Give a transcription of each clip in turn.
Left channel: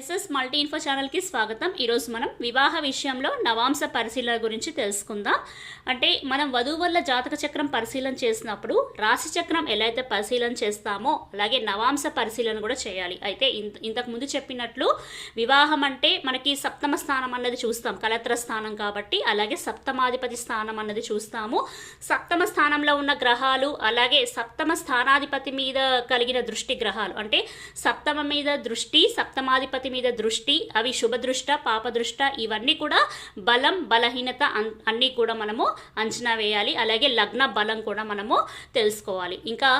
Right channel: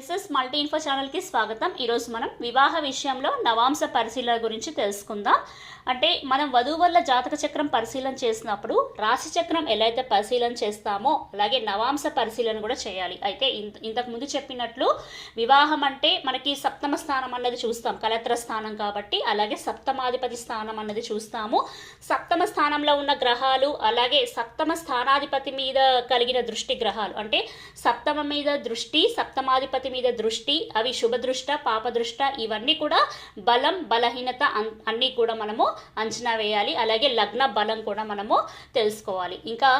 SS multi info ఛానల్కి స్వాగతం. ఈరోజు మనం వివాహ విషయంలో నవాంశ పరిశీలన గురించి తెలుసుకుందాం. అంటే మనం వధూవరుల జాతక చక్రం పరిశీలన చేసినప్పుడు రాశి చక్రం ఎలా అయితే పరిశీలన చేస్తామో అలాగే నవాంశ పరిశీలన కూడా చేయాలి. అయితే ఇంతకు ముందు చెప్పినట్లు వివాహం అంటే మనకి సప్తమ స్థానం అన్నది చూస్తాం, కలత్ర స్థానం కాబట్టి. అలాగే సప్తమాధిపతి స్థానం అన్నది చూస్తాము. సప్తమ స్థానంలో ఉన్న గ్రహాలు అలాగే సప్తమ స్థానాధిపతి మీద కలిగిన దృష్టి గ్రహాలు అంటే సప్తమ మీద దృష్టి, సప్తమాధిపతి మీద దృష్టి, అవి శుభదృష్ట పాపదృష్ట, ఇవన్నీ కూడా బలం బలహీనత అన్నీ కూడా మనము అంచనా వేయాలి. అలాగే లగ్న బలం కూడా మనము తెలుసుకోవాలి. ఇంకా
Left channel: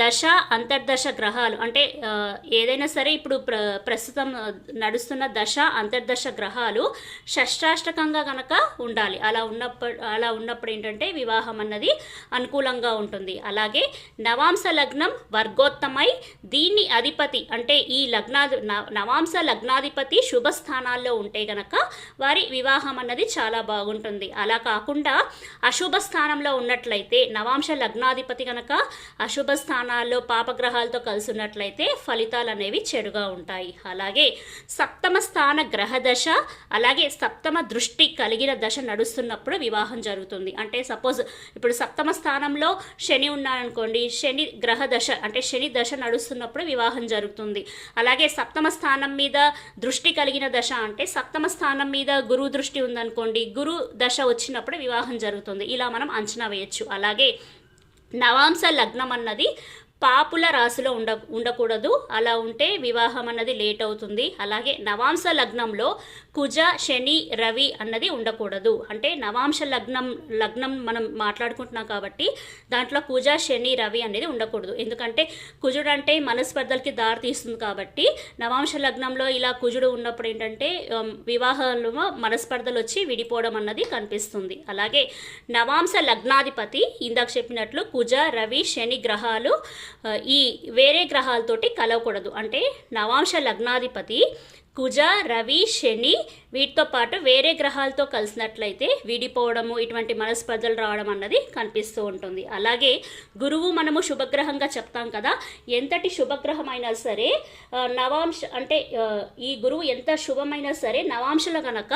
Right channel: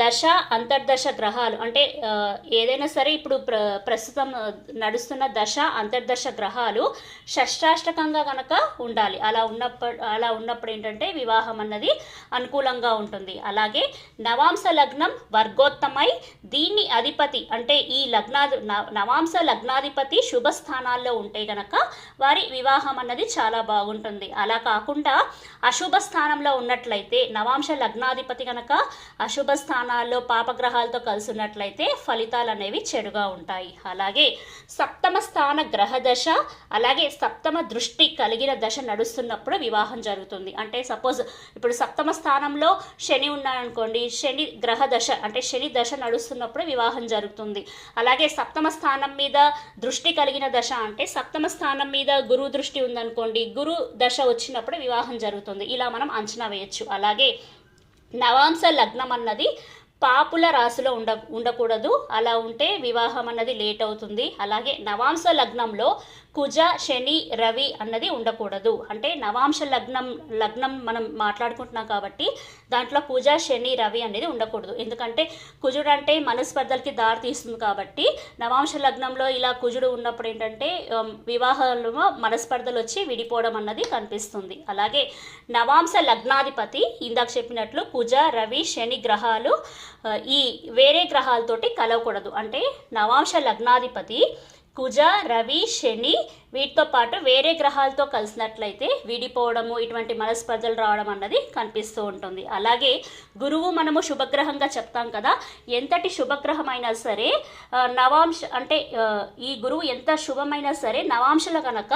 దశ అంతర్దశ గ్రహాలు అంటే ఏదైనా సరే ఇప్పుడు ప్రస్తుతం నడుస్తున్న దశ అంతర్దశ గ్రహాలు షష్టాష్టకంగా గనక ఉండాలి. అలా ఉన్నప్పుడు ఏంటంటే వివాహం అన్నది అనుకూలంగా ఉంటుంది. అలాగే నవాంశ లగ్నం వర్గోత్తమై దీన్ని అధిపతి అంటే ఈ నవాంశ లగ్నాధిపతి శుభ స్థానాల్లో ఉంటే గనక వారి వివాహం అన్నది చాలా బాగుంటుంది. అలా కాకుండా అశుభ స్థానంలో ఉన్నట్లయితే నవాంశ లగ్నాధిపతి గనక అశుభ స్థానాల్లో పాపగ్రహాలతో కలిసి ఉన్నట్లయితే ఫలితాలు అనేవి చెడుగా ఉంటాయి. అలాగే సప్తమ స్థాన గ్రహ దశ అలాగే సప్తమ దృష్టి కలిగిన దశ నడుస్తున్నప్పుడు వివాహం జరుగుతుంది. అంటే సపోజ్ ఇప్పుడు సప్తమ స్థానంలో శని ఉన్నారనుకోండి, శని గ్రహ దశ అంటే శని దశ నడుస్తున్నప్పుడు వివాహం జరుగుతుంది. అలాగే సప్తమ స్థానం మీద దృష్టి కలిగిన దశ అంటే సప్తమ స్థానం మీద గురు దృష్టి ఉందనుకోండి, గురు దశ వచ్చినప్పుడు వివాహం జరుగుతుంది. ఇలా మనం అంచనా వేయచ్చు. అలాగే నవాంశ లగ్నం అన్నది పాపుల రాశిలో ఉండకూడదు. అలా ఉంటే వివాహం అన్నది లేట్ అవుతుంది. అలాగే నవాంశ లగ్నంలో కుజ శని రవి అన్నది ఉండకూడదు. అంటే నవాంశ లగ్నం మనం మాట్లాడుకుంటున్నాం కాబట్టి దాంట్లో కుజ శని రవి అనేది ఉండకూడదు. ఎందుకంటే కుజుడు అంటే మనస్పర్ధలకి దారి తీస్తుంది కాబట్టి నవాంశ లగ్నంలో ఇలా కుజుడు ఉన్నప్పుడు ఏంటంటే వివాహాల్లో మనస్పర్ధలు వచ్చి విడిపోవడం అన్నది కనిపిస్తుంది. అలాగే నవాంశ లగ్నాధిపతి ఇందాక చెప్పినట్లు కుజ రవి శని గ్రహాలు ఈ వేరే గ్రహాలతోటి కలవకూడదు. అంటే నవాంశ లగ్నాధిపతి కుజ రవి శని వీటితో పాటు వేరే గ్రహాలతో కలిసినట్లయితే విడిపోవడము ఇటువంటి మనస్పర్ధలు రావడం అన్నది కనిపిస్తూ ఉంటుంది. అలాగే గురువు మనము శుభగ్రహంగా చెప్తాం కదా, ఎంతటి శుభగ్రహం అయినా సరే నవాంశ అంటే ఈ గురువు ఎంత శుభమైనా సరే నవాంశలు కనుక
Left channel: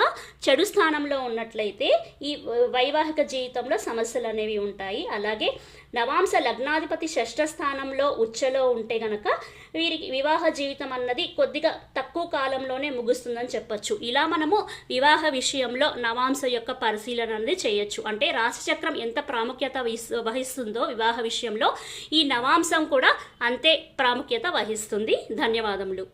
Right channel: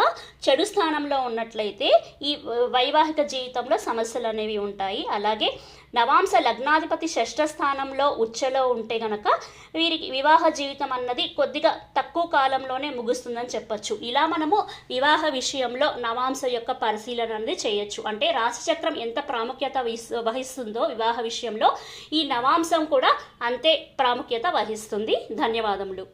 చెడు స్థానంలో ఉన్నట్లయితే ఈ వైవాహిక జీవితంలో సమస్యలు అనేవి ఉంటాయి. అలాగే నవాంశ లగ్నాధిపతి షష్ఠ స్థానంలో ఉచ్చలో ఉంటే గనక వీరికి వివాహ జీవితం అన్నది కొద్దిగా తక్కువ కాలంలోనే ముగుస్తుందని చెప్పొచ్చు. ఇలా మనము వివాహ విషయంలో నవాంశ యొక్క పరిశీలన అనేది చేయొచ్చు. అంటే రాశిచక్రం ఎంత ప్రాముఖ్యత వహిస్తుందో వివాహ విషయంలో ఈ నవాంశం కూడా అంతే ప్రాముఖ్యత వహిస్తుంది. ధన్యవాదములు.